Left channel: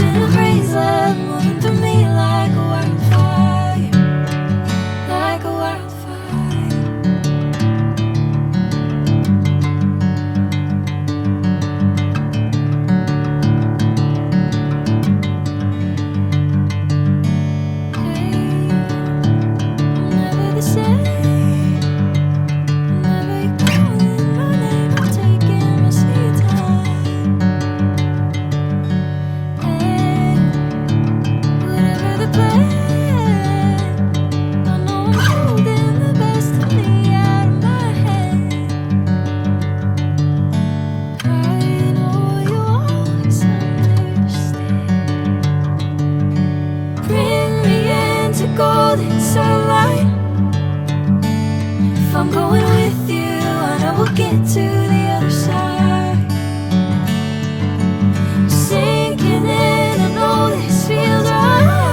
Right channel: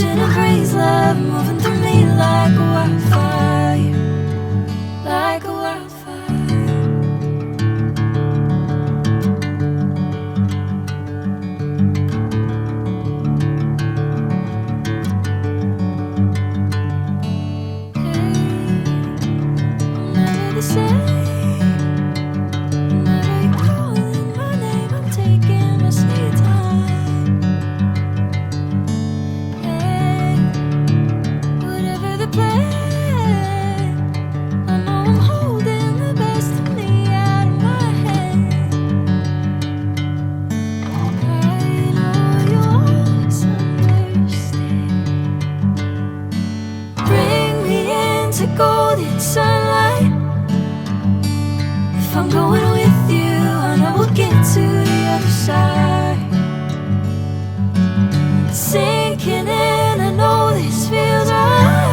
passion and praise, love moving through me like a wildfire, like a wildfire. Hey, I'm never the same. Whenever you're calling my name, I'm taking my sweet time. Hey, whatever the plan, I know I'm holding the best of me out of my hand. I know you always understand. Bring me into golden sunlight. If I'm going with you, I know we'll get to the other side. Sinking in, I know this feels right.